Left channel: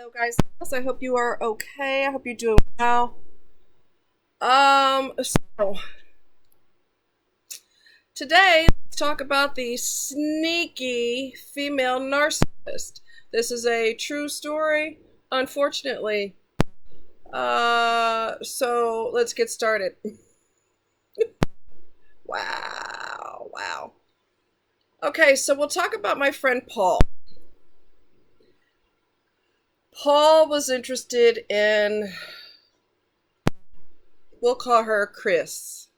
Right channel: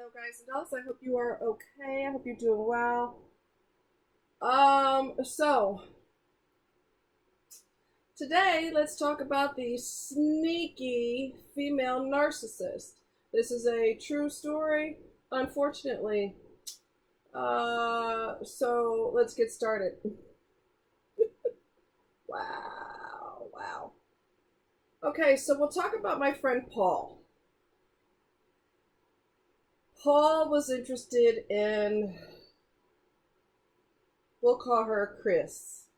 Hello guys and girls, I hope you are okay. I hope you're doing well. So today let's talk about the sneaky female narcissist. This is a true story, unfortunately. So let's get started. Wow. Okay, so we'll talk about my friend Paul. Paul was interested in, we'll call her Chris.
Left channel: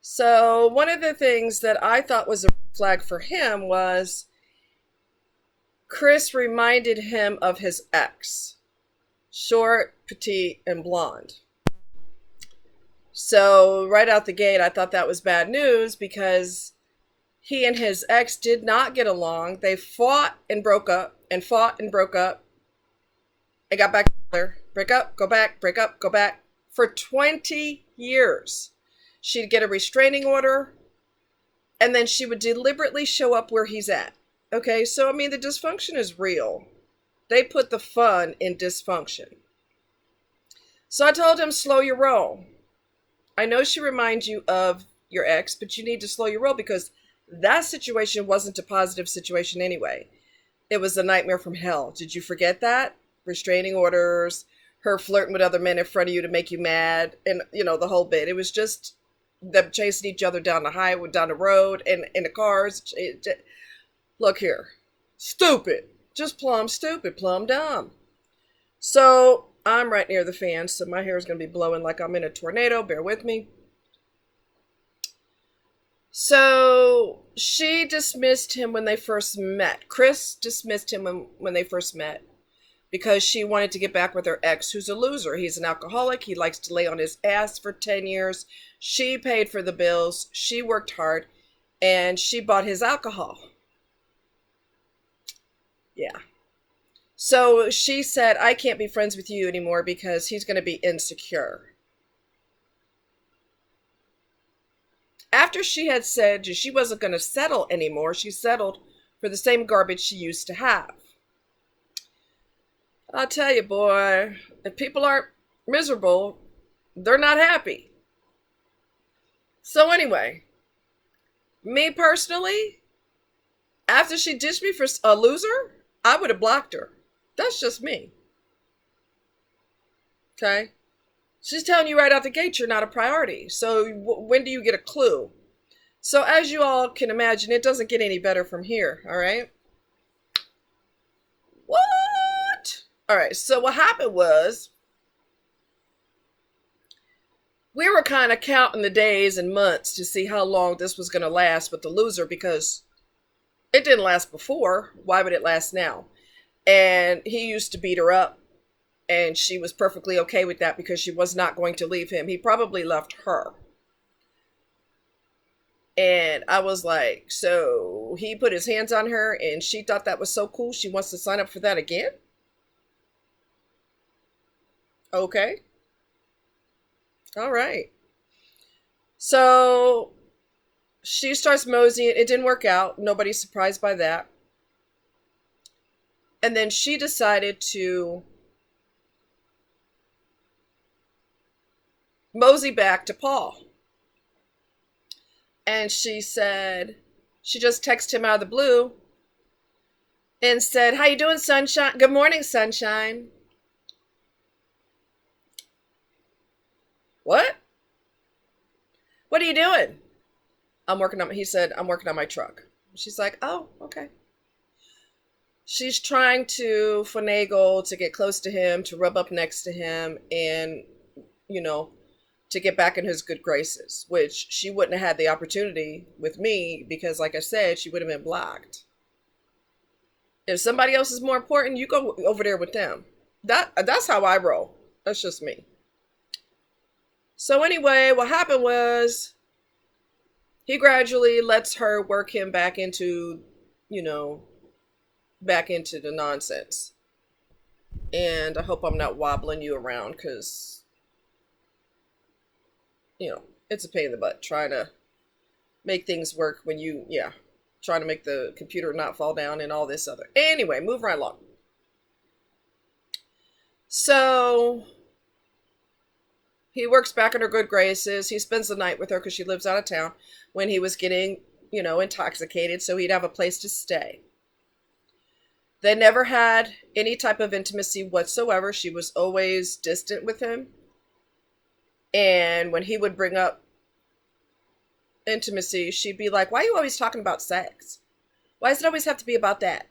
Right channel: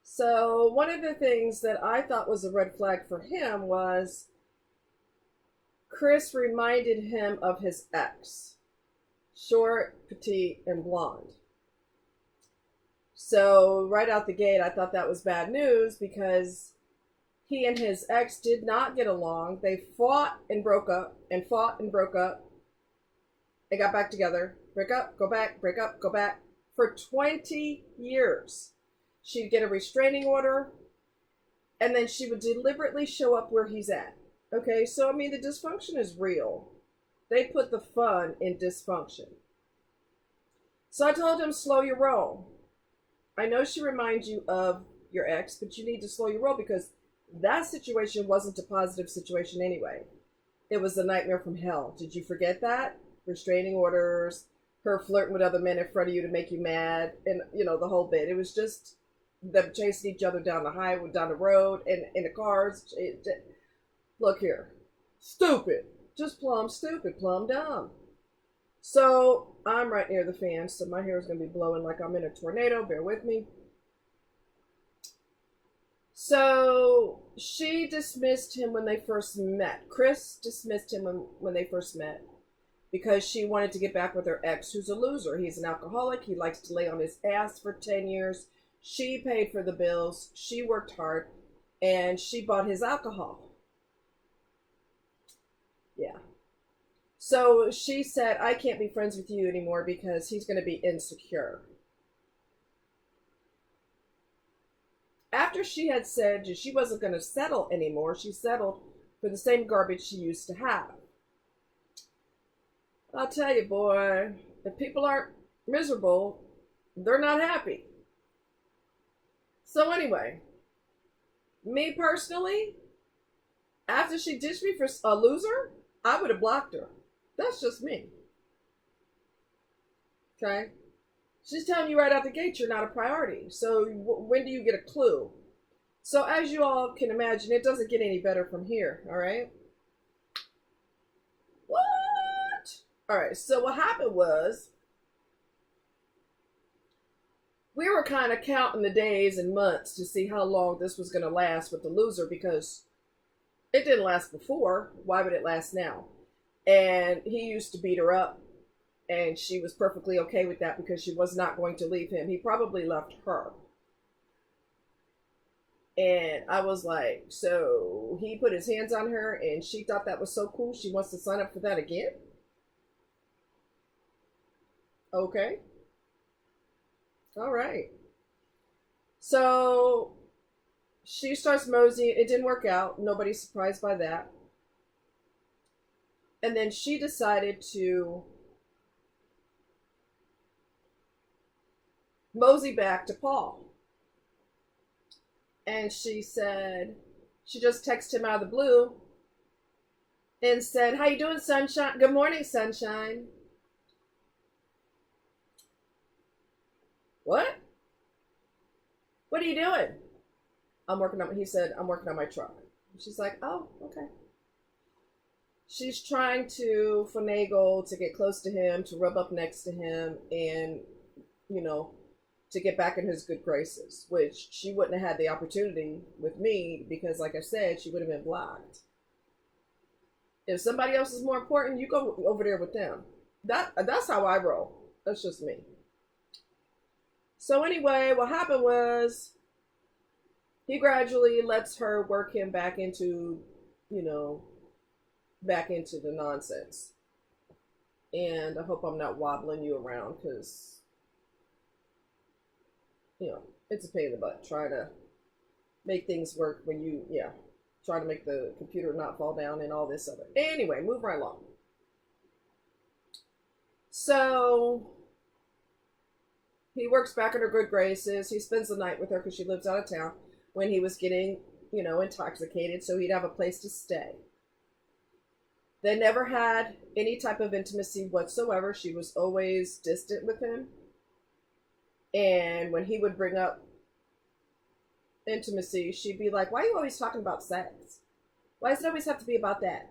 So, one of the things that I thought was a red flag for him was Chris reminded him of his ex, short, petite, and blonde. So, right out the gate, I thought that was bad news because he and his ex did not get along. They fought and broke up, and fought and broke up, and got back together. Break up, go back, break up, go back for 20 years. She'd get a restraining order, and then she would deliberately show up where he's at. Okay, so I mean, the dysfunction is real. They put the fun in dysfunction. So I told him, slow your roll. I know she reminds you of your ex, but you need to slow your roll because that situation wasn't a positive situation anyway. It was a nightmare from hell. Did you forget that? Restraining orders, her flirting with other men in front of you to make you mad, and the whole bit. It was just them chasing each other down the highway, down the road, and in the cars. Look here, stupid, just plumb stupid, plumb dumb. So I'm right near the fan, so my hair is going to be blowing like I'm in a tornado. Bear with me. So she dismissed him when they first met. Chris dismissed him when they first met because she wanted to get back with her ex, who's a loser. He's an alcoholic. He likes to lay on his ass for 10 years. She paid for the bills. She worked hard, and she bought his alcohol. Yeah. So she said, I can't be friends with you anymore because he's going to be insecure. After she had said she wasn't going to settle anymore, she settled for the same garbage she used to have. I'll tell you, boy, if people aren't miserable, they're not happy. So anyway, me personally, after she ditched me for a loser, I would have blocked her. That's just me. Okay? She's telling you right out the gate you're not a priority. So when do you get a clue? So as you all can imagine, it doesn't get any better from here, all right? What? All right, so what happened was we were kind of counting the days and months to see how long this was going to last with the loser because it didn't last before. Why would it last now? And he used to beat her up, and she was perfectly okay with that because she was not going to leave him. He probably left her. And I was like, so he put his hands on her and she thought that was so cool. She wants to sign up for that again? Okay. All right. So she starts moseying. It didn't work out. Nobody's surprised by that. And then she decided to mosey back to Paul. And she said, she just texted him out of the blue and said, how you doing, sunshine? Good morning, sunshine. What? What are you doing? He said, I'm working on my truck. She's like, oh, okay. She's trying to finagle to get close to him, to rub up next to him, and, to get back in his good graces, which she wouldn't have had the opportunity with me because, like I said, she would have been blocked. If somebody else is more important, you go over there with them. That's how I roll. That's just me. So anyway, what happened was he gradually lets her work him back into, back into the nonsense. And I hope I'm not wobbling you around because, it's a pain in the butt trying to make things work when yeah. trying to make the computer not fall down and all this other. Anyway, move right along. So he works back in her good graces. He spends the night with her because she lives out of town when he was getting, intoxicated, so he'd have a place to stay. They never had any type of intimacy whatsoever. She was always distant with him. And when he would bring up intimacy, she'd be like, "Why are you always talking about sex? Why does it always have to be about that?"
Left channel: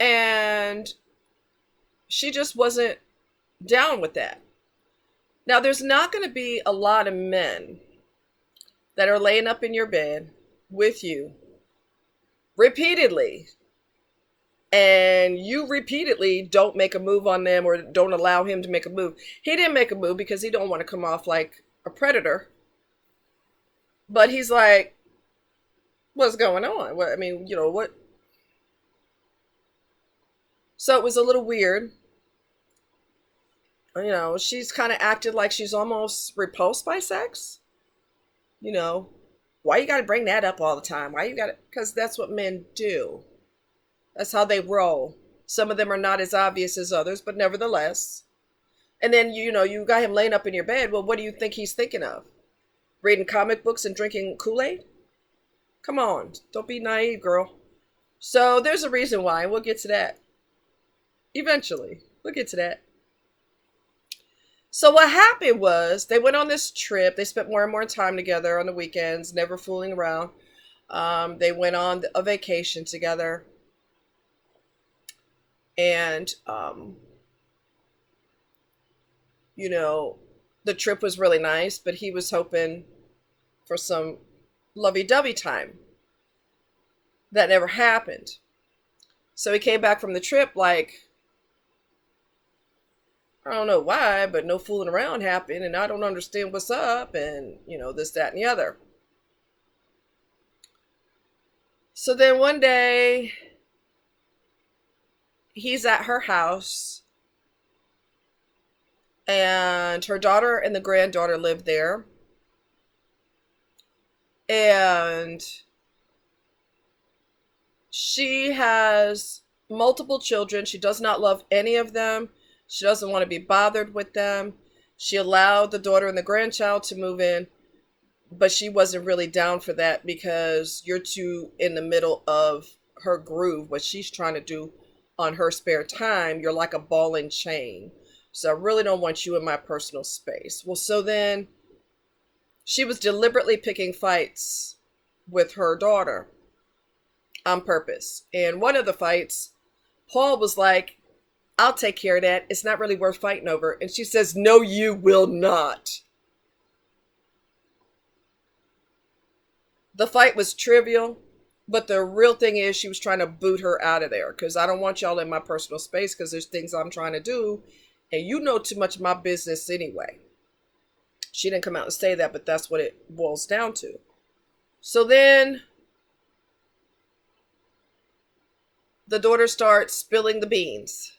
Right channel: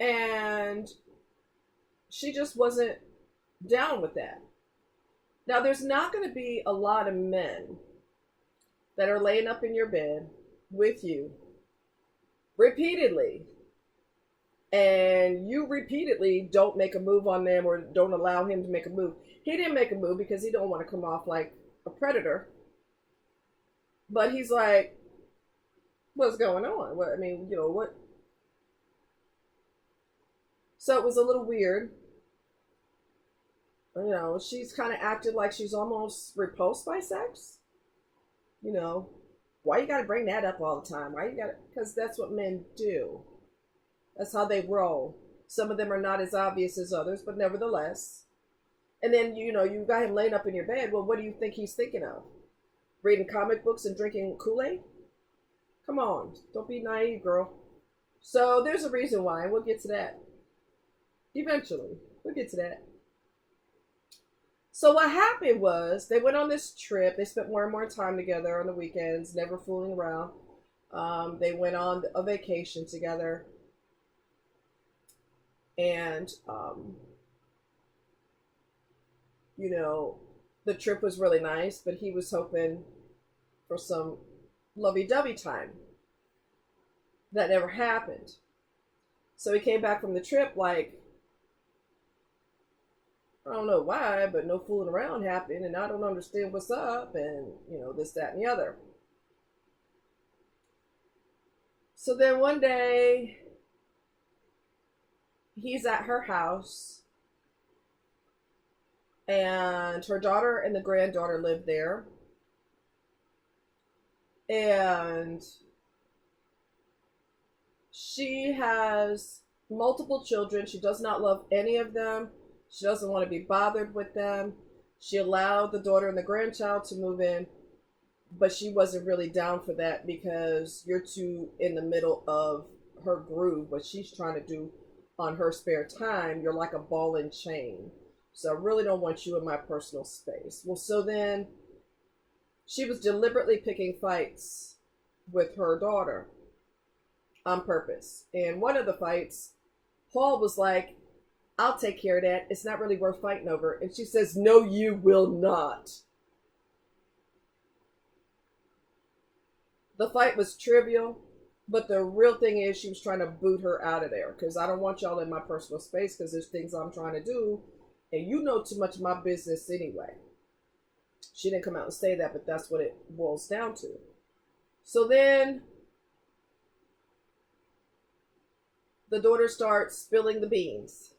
And she just wasn't down with that. Now, there's not going to be a lot of men that are laying up in your bed with you repeatedly, and you repeatedly don't make a move on them or don't allow him to make a move. He didn't make a move because he don't want to come off like a predator. But he's like, what's going on? What, I mean, what? So it was a little weird. She's kind of acted like she's almost repulsed by sex. Why you got to bring that up all the time? Why you got to? Because that's what men do. That's how they roll. Some of them are not as obvious as others, but nevertheless. And then, you got him laying up in your bed. Well, what do you think he's thinking of? Reading comic books and drinking Kool-Aid? Come on. Don't be naive, girl. So there's a reason why. We'll get to that. Eventually. We'll get to that. So what happened was they went on this trip. They spent more and more time together on the weekends, never fooling around. They went on a vacation together. And, the trip was really nice, but he was hoping for some lovey-dovey time. That never happened. So he came back from the trip like, I don't know why, but no fooling around happened, and I don't understand what's up, and, this, that, and the other. So then one day, he's at her house, and her daughter and the granddaughter live there. And she has multiple children. She does not love any of them. She doesn't want to be bothered with them. She allowed the daughter and the grandchild to move in, but she wasn't really down for that because you're too in the middle of her groove, what she's trying to do on her spare time. You're like a ball and chain. So I really don't want you in my personal space. Well, so then she was deliberately picking fights with her daughter on purpose. And one of the fights, Paul was like, "I'll take care of that. It's not really worth fighting over." And she says, "No, you will not." The fight was trivial, but the real thing is she was trying to boot her out of there because I don't want y'all in my personal space because there's things I'm trying to do, and you know too much of my business anyway. She didn't come out and say that, but that's what it boils down to. So then the daughter starts spilling the beans.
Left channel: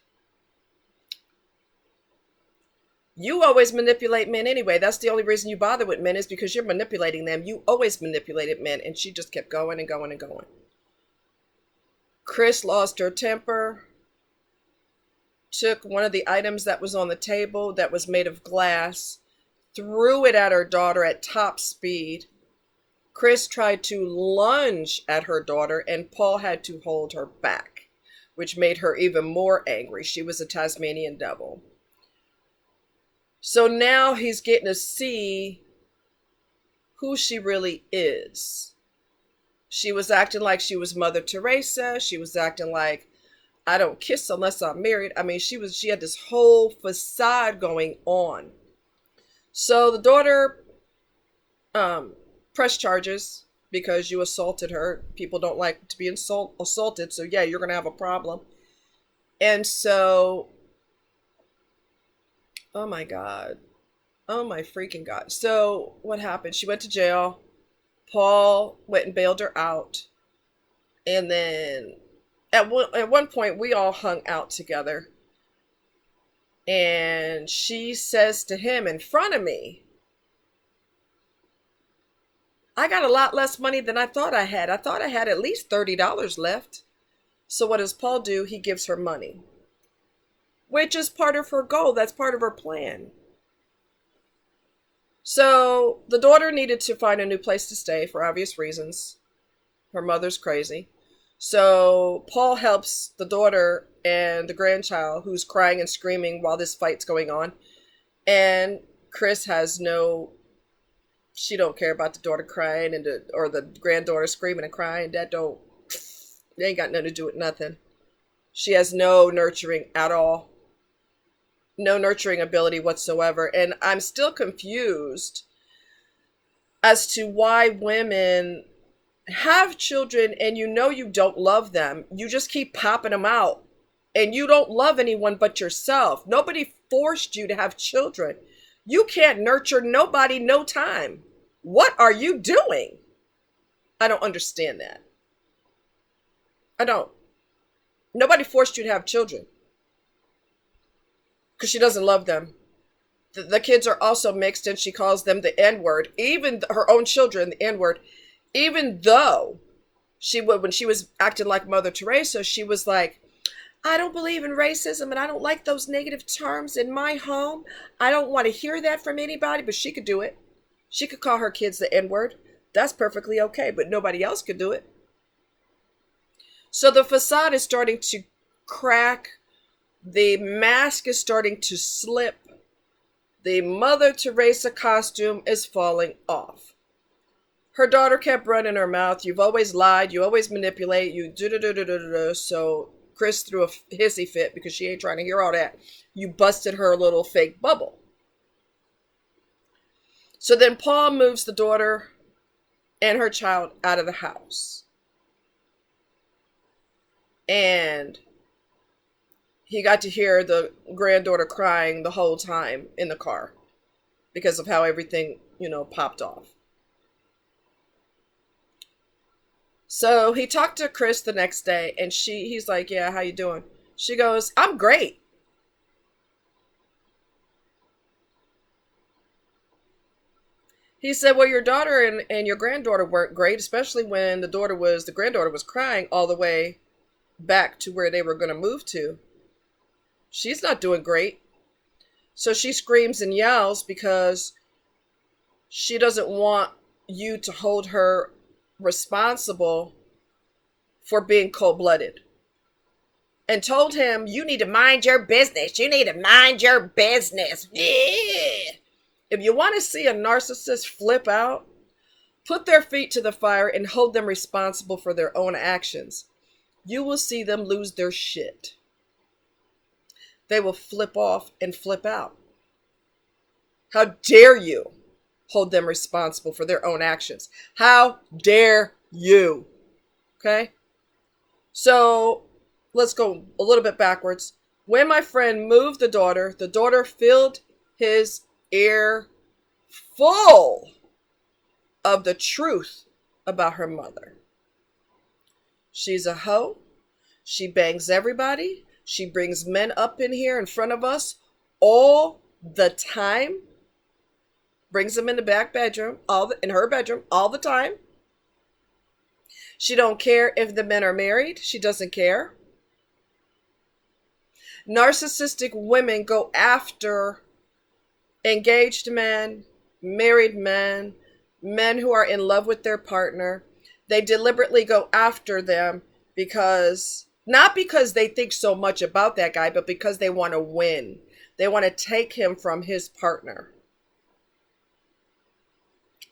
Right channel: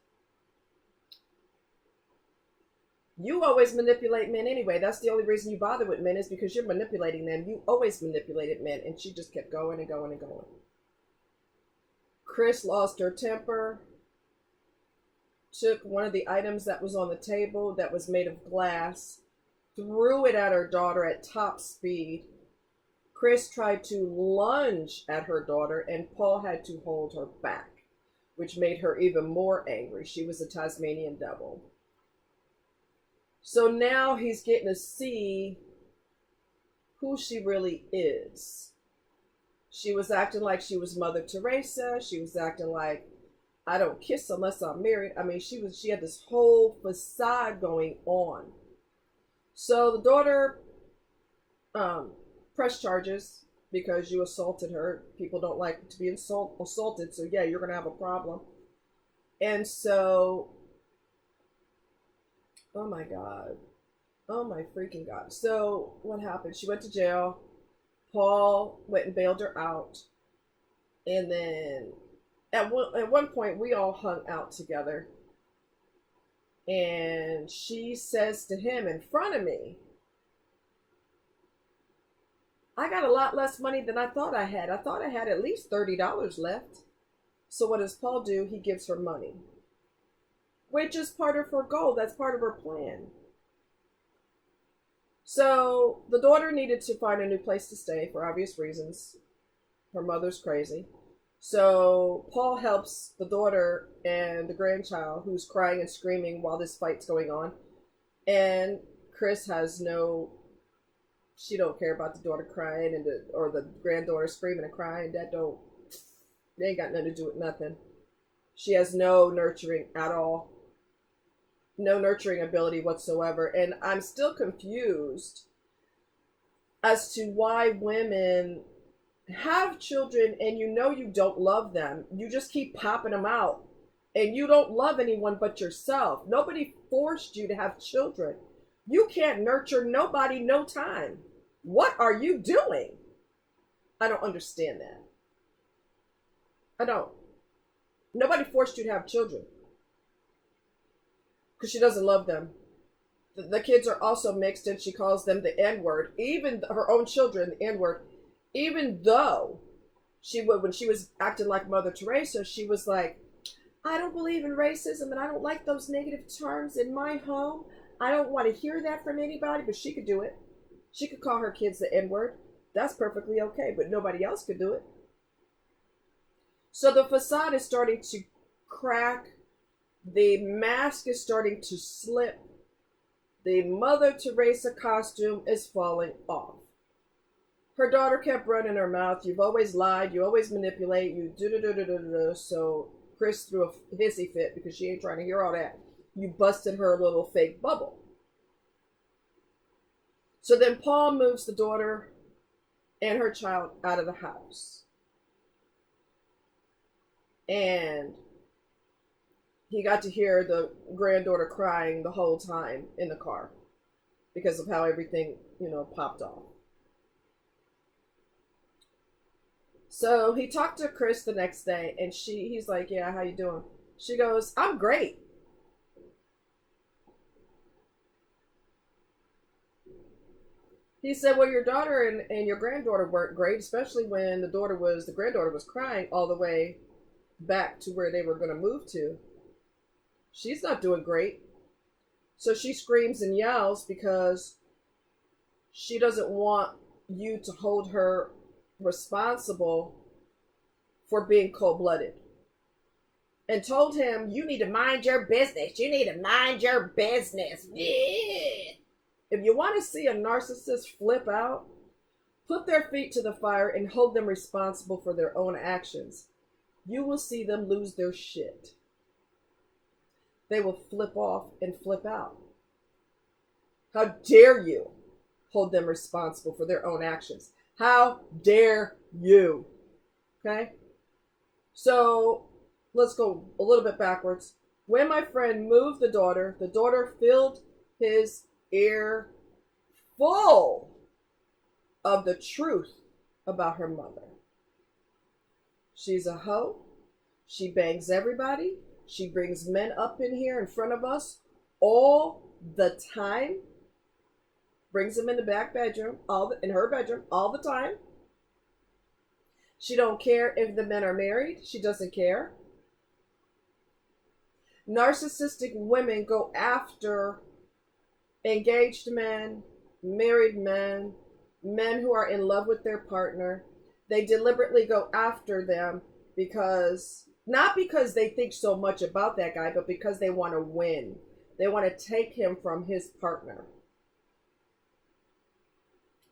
You always manipulate men anyway. That's the only reason you bother with men is because you're manipulating them. You always manipulated men. And she just kept going and going and going. Chris lost her temper, took one of the items that was on the table that was made of glass, threw it at her daughter at top speed. Chris tried to lunge at her daughter, and Paul had to hold her back, which made her even more angry. She was a Tasmanian devil. So now he's getting to see who she really is. She was acting like she was Mother Teresa. She was acting like, I don't kiss unless I'm married. I mean, she had this whole facade going on. So the daughter pressed charges because you assaulted her. People don't like to be assaulted. So yeah, you're going to have a problem. And so, oh my God. Oh my freaking God. So what happened? She went to jail. Paul went and bailed her out. And then at one point, we all hung out together. And she says to him in front of me, I got a lot less money than I thought I had. I thought I had at least $30 left. So what does Paul do? He gives her money, which is part of her goal. That's part of her plan. So the daughter needed to find a new place to stay for obvious reasons. Her mother's crazy. So Paul helps the daughter and the grandchild, who's crying and screaming while this fight's going on. And Chris has she don't care about the daughter crying or the granddaughter screaming and crying. They ain't got nothing to do with nothing. She has no nurturing at all. No nurturing ability whatsoever. And I'm still confused as to why women have children and you don't love them. You just keep popping them out. And you don't love anyone but yourself. Nobody forced you to have children. You can't nurture nobody no time. What are you doing? I don't understand that. I don't. Nobody forced you to have children because she doesn't love them. The kids are also mixed and she calls them the N-word. Even her own children, the N-word. Even though when she was acting like Mother Teresa, she was like, I don't believe in racism and I don't like those negative terms in my home. I don't want to hear that from anybody, but she could do it. She could call her kids the N-word. That's perfectly okay, but nobody else could do it. So the facade is starting to crack. The mask is starting to slip. The Mother Teresa costume is falling off. Her daughter kept running her mouth. You've always lied. You always manipulate. You do. So Chris threw a hissy fit because she ain't trying to hear all that. You busted her little fake bubble. So then Paul moves the daughter and her child out of the house. And he got to hear the granddaughter crying the whole time in the car because of how everything, popped off. So he talked to Chris the next day and he's like, yeah, how you doing? She goes, I'm great. He said, well, your daughter and your granddaughter weren't great, especially when the granddaughter was crying all the way back to where they were going to move to. She's not doing great. So she screams and yells because she doesn't want you to hold her responsible for being cold-blooded. And told him, you need to mind your business. You need to mind your business. Yeah. If you want to see a narcissist flip out, put their feet to the fire and hold them responsible for their own actions. You will see them lose their shit. They will flip off and flip out. How dare you hold them responsible for their own actions? How dare you? Okay? So let's go a little bit backwards. When my friend moved the daughter filled his ear full of the truth about her mother. She's a hoe. She bangs everybody. She brings men up in here in front of us all the time. Brings them in the back bedroom, in her bedroom, all the time. She don't care if the men are married. She doesn't care. Narcissistic women go after engaged men, married men, men who are in love with their partner. They deliberately go after them not because they think so much about that guy, but because they want to win. They want to take him from his partner.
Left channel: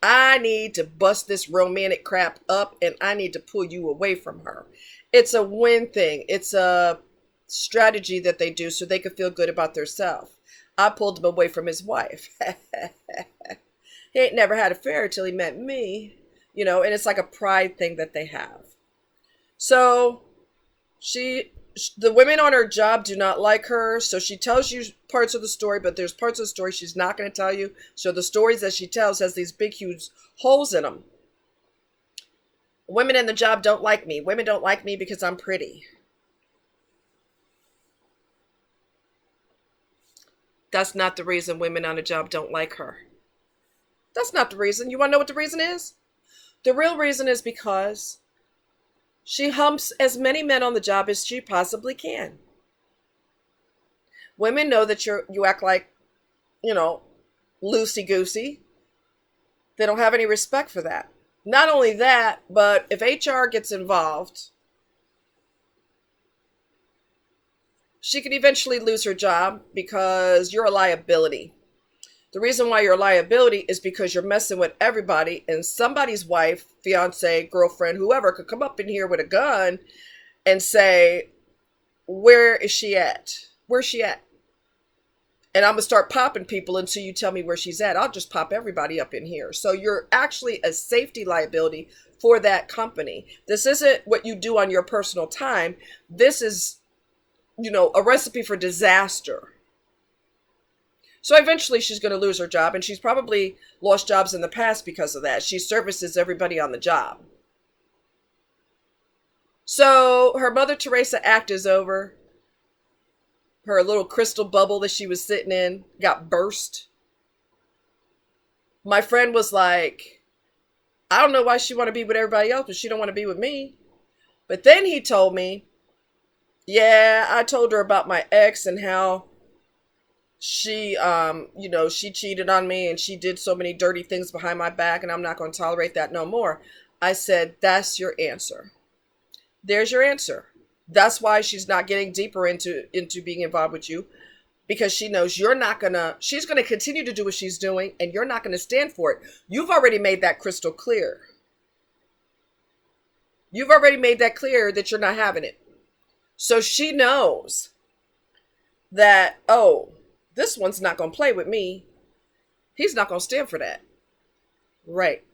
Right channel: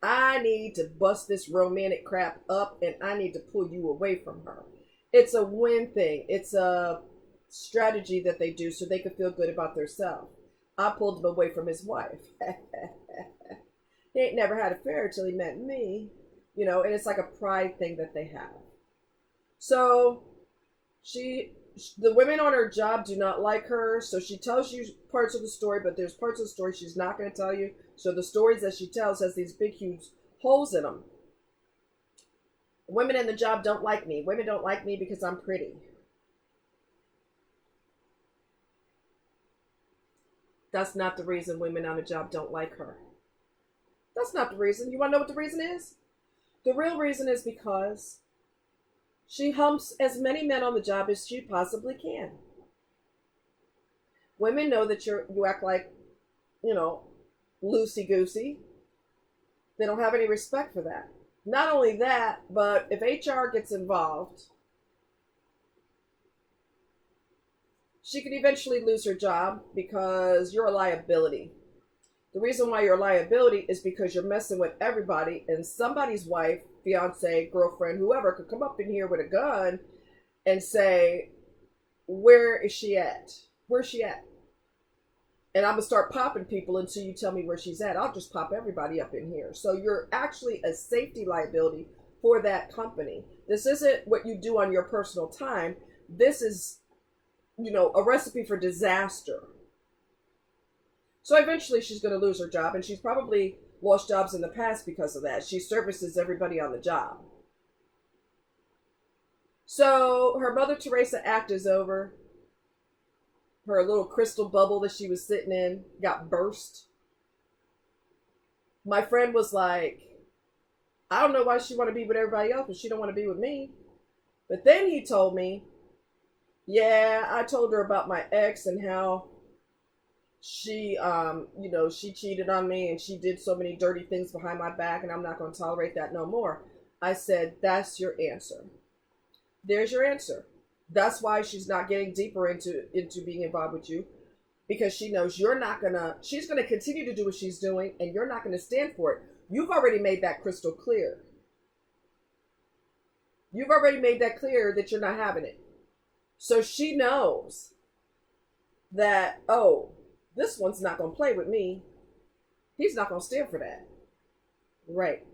I need to bust this romantic crap up and I need to pull you away from her. It's a win thing. It's a strategy that they do so they can feel good about themselves. I pulled him away from his wife. He ain't never had an affair till he met me, and it's like a pride thing that they have. So the women on her job do not like her. So she tells you parts of the story, but there's parts of the story she's not going to tell you. So the stories that she tells has these big, huge holes in them. Women in the job don't like me. Women don't like me because I'm pretty. That's not the reason women on the job don't like her. That's not the reason. You want to know what the reason is? The real reason is because she humps as many men on the job as she possibly can. Women know that you act like, you know, loosey goosey. They don't have any respect for that. Not only that, but if HR gets involved, she could eventually lose her job because you're a liability. The reason why you're a liability is because you're messing with everybody, and somebody's wife, fiance, girlfriend, whoever could come up in here with a gun and say, where is she at? Where's she at? And I'm going to start popping people until you tell me where she's at. I'll just pop everybody up in here. So you're actually a safety liability for that company. This isn't what you do on your personal time. This is, a recipe for disaster. So eventually she's going to lose her job, and she's probably lost jobs in the past because of that. She services everybody on the job. So her Mother Teresa act is over. Her little crystal bubble that she was sitting in got burst. My friend was like, I don't know why she want to be with everybody else, but she don't want to be with me. But then he told me, yeah, I told her about my ex and how she, she cheated on me and she did so many dirty things behind my back, and I'm not going to tolerate that no more. I said, that's your answer. There's your answer. That's why she's not getting deeper into being involved with you, because she knows she's going to continue to do what she's doing, and you're not going to stand for it. You've already made that crystal clear. You've already made that clear that you're not having it. So she knows that, oh, this one's not going to play with me. He's not going to stand for that. Right.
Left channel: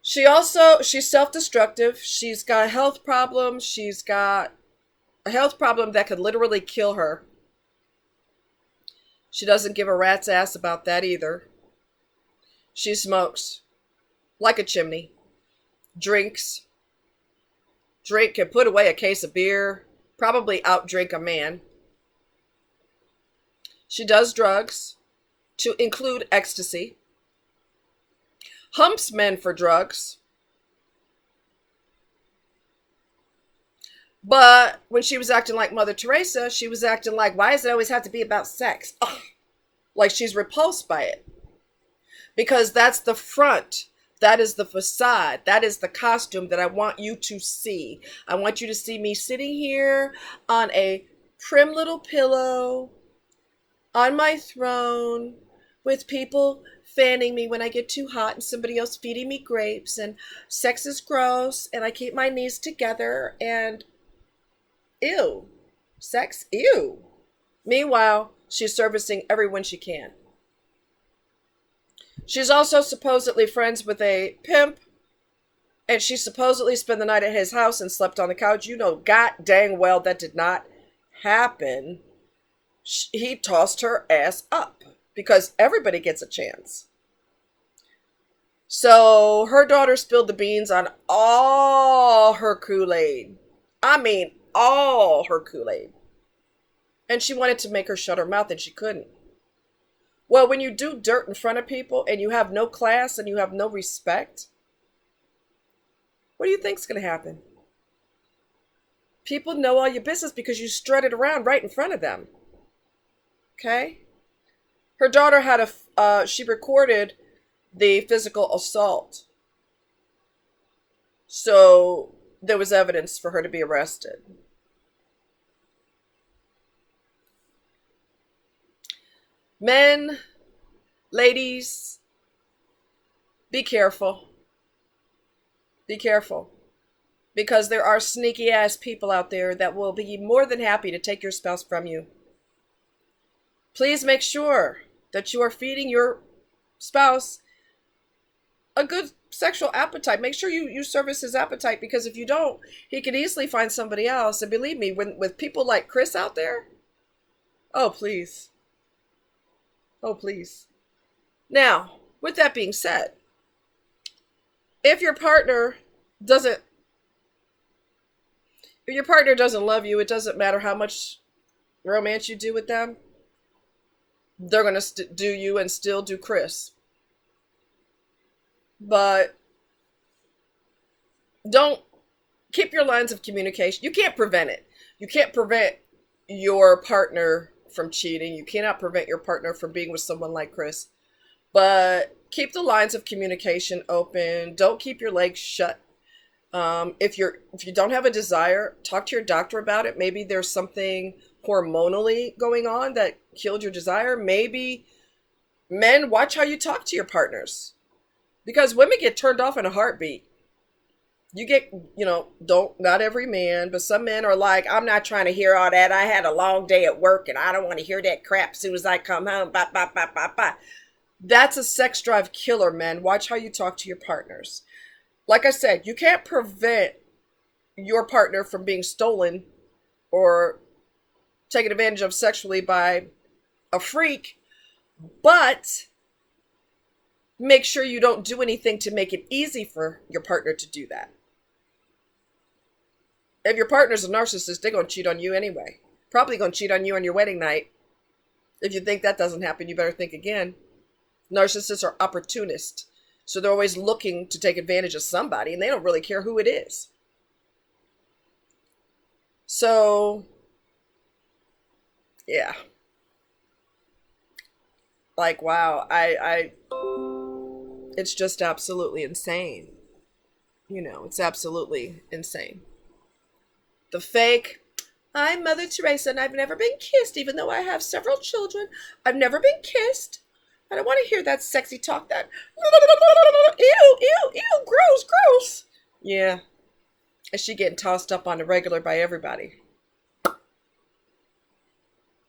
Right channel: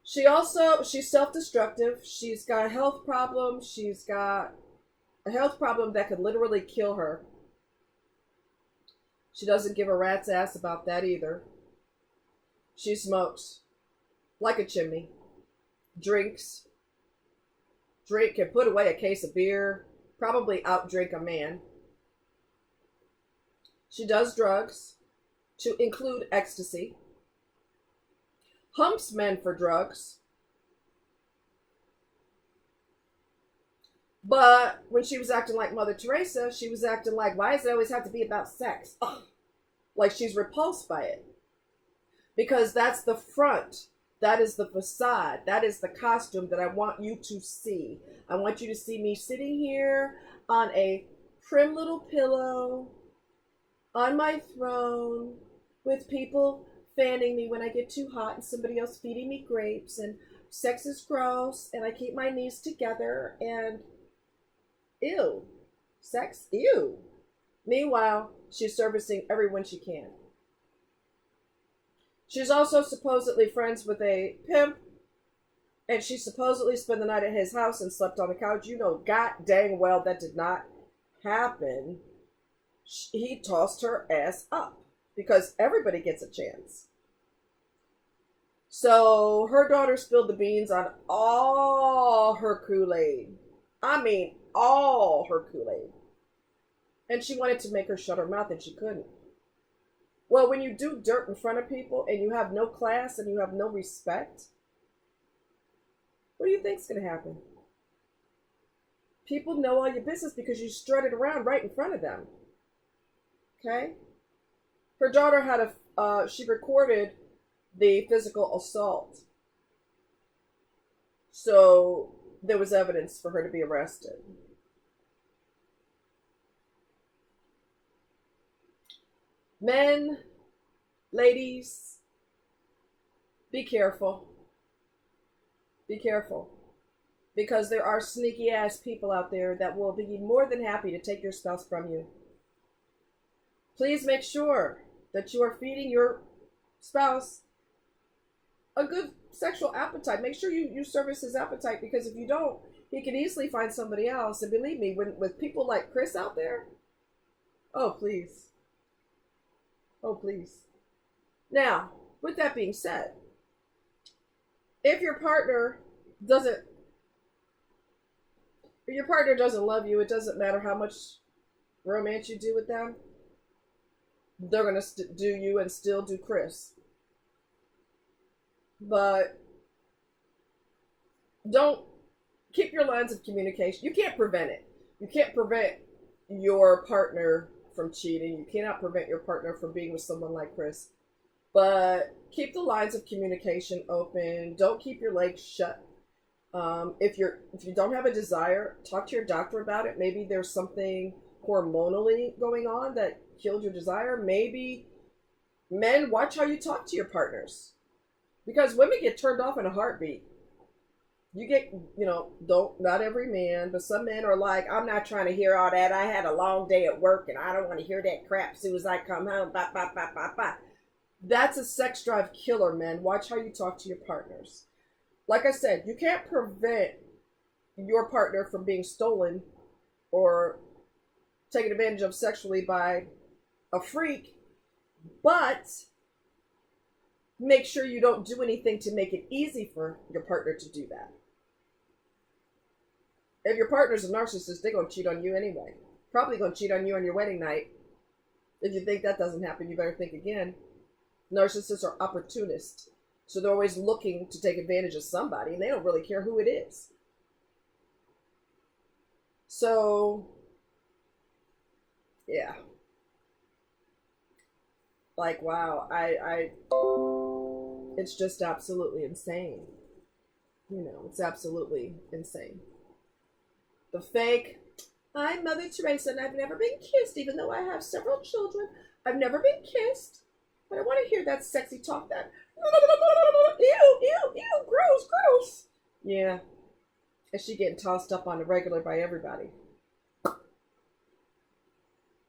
She's self-destructive. She's got a health problem. She's got a health problem that could literally kill her. She doesn't give a rat's ass about that either. She smokes like a chimney. Drinks. Can put away a case of beer. Probably outdrink a man. She does drugs, to include ecstasy. Humps men for drugs. But when she was acting like Mother Teresa, she was acting like, why does it always have to be about sex? Ugh. Like she's repulsed by it. Because that's the front. That is the facade. That is the costume that I want you to see. I want you to see me sitting here on a prim little pillow on my throne with people fanning me when I get too hot and somebody else feeding me grapes, and sex is gross and I keep my knees together and ew, sex, ew. Meanwhile, she's servicing everyone she can. She's also supposedly friends with a pimp, and she supposedly spent the night at his house and slept on the couch. You know god dang well that did not happen. He tossed her ass up because everybody gets a chance. So her daughter spilled the beans on all her Kool-Aid. I mean, all her Kool-Aid. And she wanted to make her shut her mouth, and she couldn't. Well, when you do dirt in front of people and you have no class and you have no respect, what do you think's going to happen? People know all your business because you strutted around right in front of them. Okay? Her daughter had she recorded the physical assault. So there was evidence for her to be arrested. Men, ladies, be careful. Be careful. Because there are sneaky ass people out there that will be more than happy to take your spouse from you. Please make sure that you are feeding your spouse a good sexual appetite. Make sure you service his appetite, because if you don't, he could easily find somebody else. And believe me, with people like Chris out there, oh, please. Oh, please. Now, with that being said, if your partner doesn't love you, it doesn't matter how much romance you do with them. They're going to do you and still do Chris. But don't keep your lines of communication. You can't prevent it. You can't prevent your partner from cheating. You cannot prevent your partner from being with someone like Chris. But keep the lines of communication open. Don't keep your legs shut. If you don't have a desire, talk to your doctor about it. Maybe there's something hormonally going on that killed your desire. Maybe men, watch how you talk to your partners, because women get turned off in a heartbeat. You get, don't, not every man, but some men are like, I'm not trying to hear all that. I had a long day at work and I don't want to hear that crap as soon as I come home. Bye, bye, bye, bye, bye. That's a sex drive killer, man. Watch how you talk to your partners. Like I said, you can't prevent your partner from being stolen or taken advantage of sexually by a freak, but make sure you don't do anything to make it easy for your partner to do that. If your partner's a narcissist, they're going to cheat on you anyway. Probably going to cheat on you on your wedding night. If you think that doesn't happen, you better think again. Narcissists are opportunists. So they're always looking to take advantage of somebody, and they don't really care who it is. So, yeah. Like, wow, it's just absolutely insane. It's absolutely insane. The fake, I'm Mother Teresa and I've never been kissed, even though I have several children. I've never been kissed. I don't want to hear that sexy talk, that ew, ew, ew, gross, gross. Yeah. And she getting tossed up on the regular by everybody.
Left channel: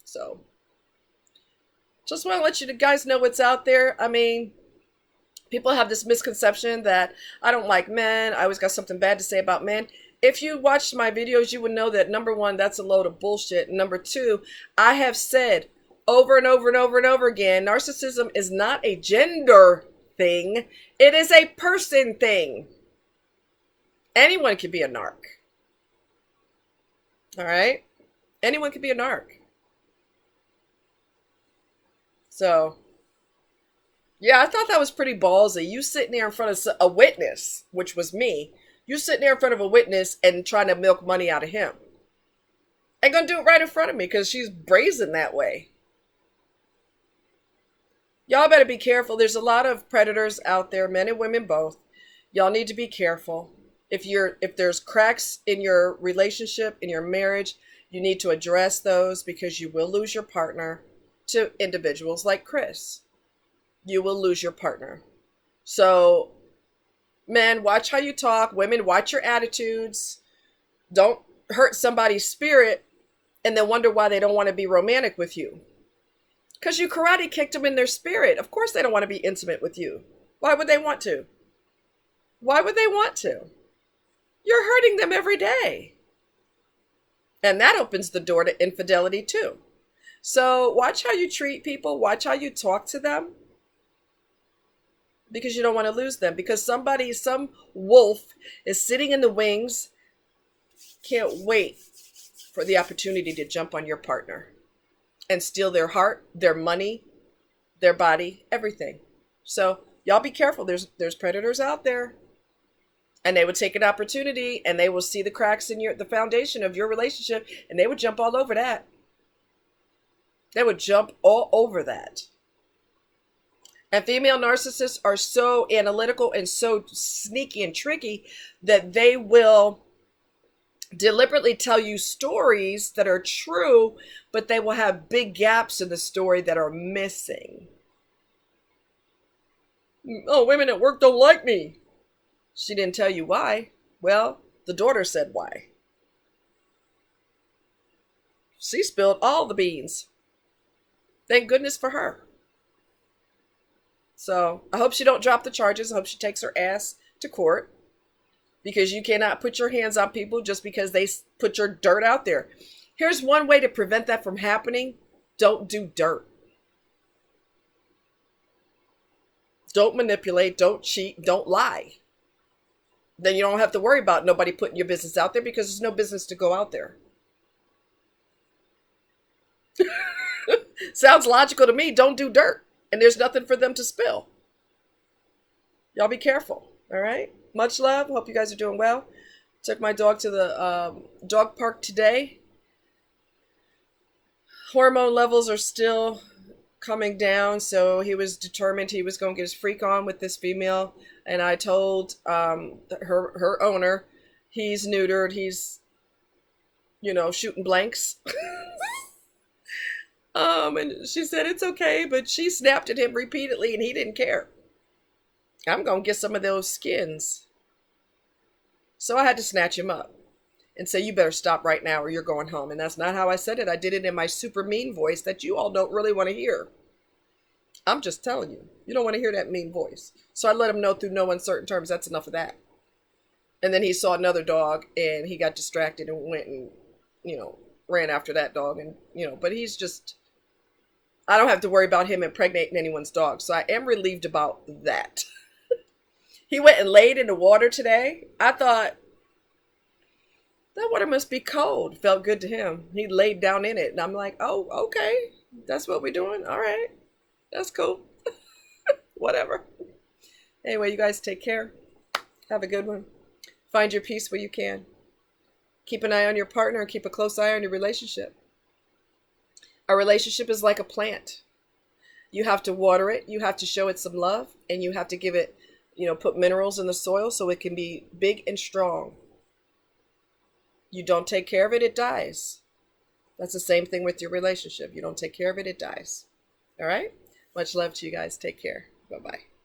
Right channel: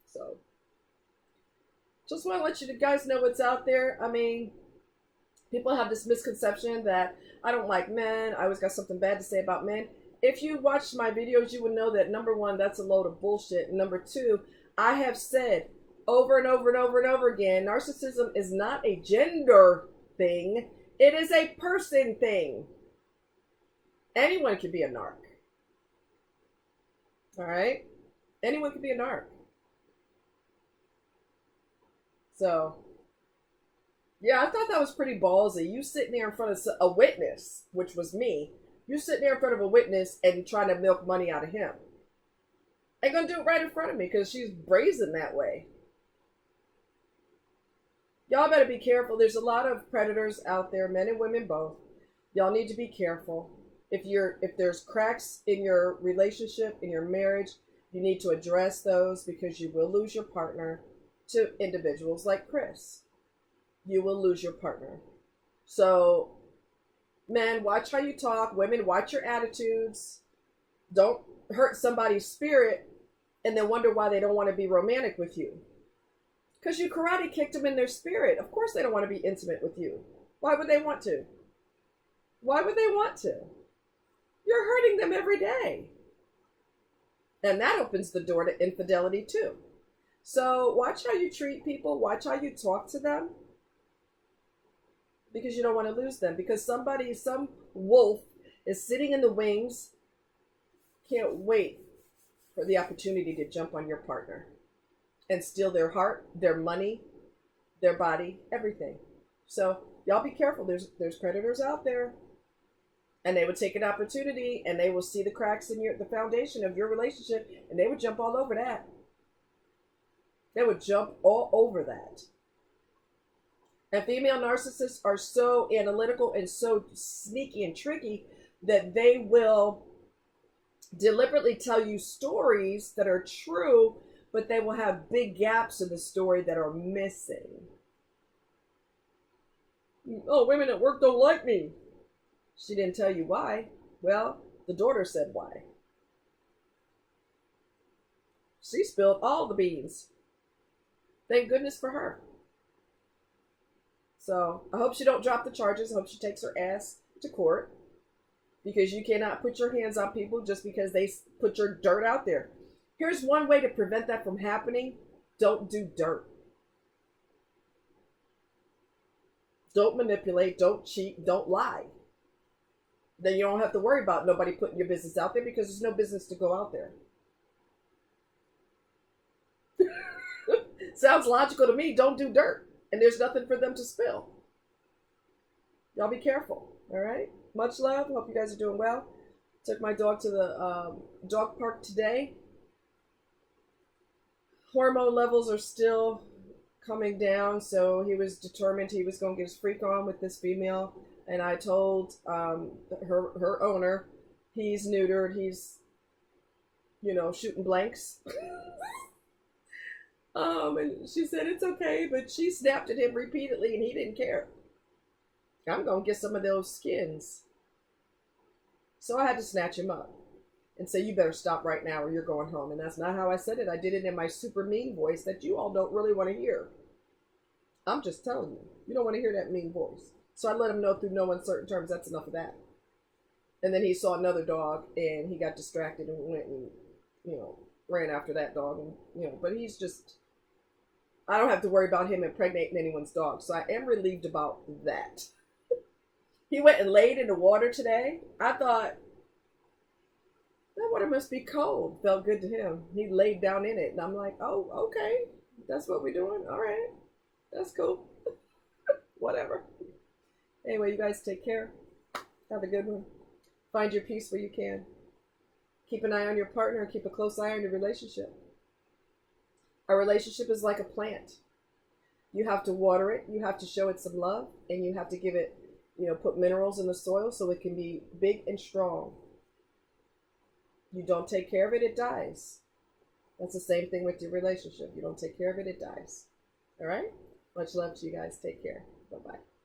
So, just want to let you guys know what's out there. I mean, people have this misconception that I don't like men. I always got something bad to say about men. If you watched my videos, you would know that, number one, that's a load of bullshit. Number two, I have said over and over and over and over again, narcissism is not a gender thing. It is a person thing. Anyone can be a narc. All right? Anyone can be a narc. So, yeah, I thought that was pretty ballsy. You sitting there in front of a witness, which was me. You sitting there in front of a witness and trying to milk money out of him. And gonna do it right in front of me because she's brazen that way. Y'all better be careful. There's a lot of predators out there, men and women both. Y'all need to be careful. If there's cracks in your relationship, in your marriage, you need to address those, because you will lose your partner to individuals like Chris. You will lose your partner. So, men, watch how you talk. Women, watch your attitudes. Don't hurt somebody's spirit and then wonder why they don't want to be romantic with you. Because you karate kicked them in their spirit. Of course they don't want to be intimate with you. Why would they want to? Why would they want to? You're hurting them every day. And that opens the door to infidelity too. So watch how you treat people. Watch how you talk to them. Because you don't want to lose them. Because some wolf is sitting in the wings, can't wait for the opportunity to jump on your partner and steal their heart, their money, their body, everything. So y'all be careful. There's predators out there. And they would take an opportunity and they will see the cracks in the foundation of your relationship, and they would jump all over that. They would jump all over that. And female narcissists are so analytical and so sneaky and tricky that they will deliberately tell you stories that are true, but they will have big gaps in the story that are missing. Oh, women at work don't like me. She didn't tell you why. Well, the daughter said why. She spilled all the beans. Thank goodness for her. So I hope she don't drop the charges. I hope she takes her ass to court, because you cannot put your hands on people just because they put your dirt out there. Here's one way to prevent that from happening. Don't do dirt. Don't manipulate. Don't cheat. Don't lie. Then you don't have to worry about nobody putting your business out there, because there's no business to go out there. Sounds logical to me. Don't do dirt. And there's nothing for them to spill. Y'all be careful. All right. Much love. Hope you guys are doing well. Took my dog to the dog park today. Hormone levels are still coming down, so he was determined he was going to get his freak on with this female. And I told her owner, he's neutered. He's shooting blanks. And she said it's okay, but she snapped at him repeatedly, and he didn't care. I'm gonna get some of those skins. So I had to snatch him up and say, you better stop right now or you're going home. And that's not how I said it. I did it in my super mean voice that you all don't really want to hear. I'm just telling you, you don't want to hear that mean voice. So I let him know through no uncertain terms, that's enough of that. And then he saw another dog and he got distracted and went and, ran after that dog. And, but he's just, I don't have to worry about him impregnating anyone's dog. So I am relieved about that. He went and laid in the water today. I thought, that water must be cold. Felt good to him. He laid down in it. And I'm like, oh, okay. That's what we're doing. All right. That's cool. Whatever. Anyway, you guys take care. Have a good one. Find your peace where you can. Keep an eye on your partner and keep a close eye on your relationship. A relationship is like a plant. You have to water it. You have to show it some love. And you have to give it, put minerals in the soil so it can be big and strong. You don't take care of it, it dies. That's the same thing with your relationship. You don't take care of it, it dies. All right? Much love to you guys. Take care. Bye-bye.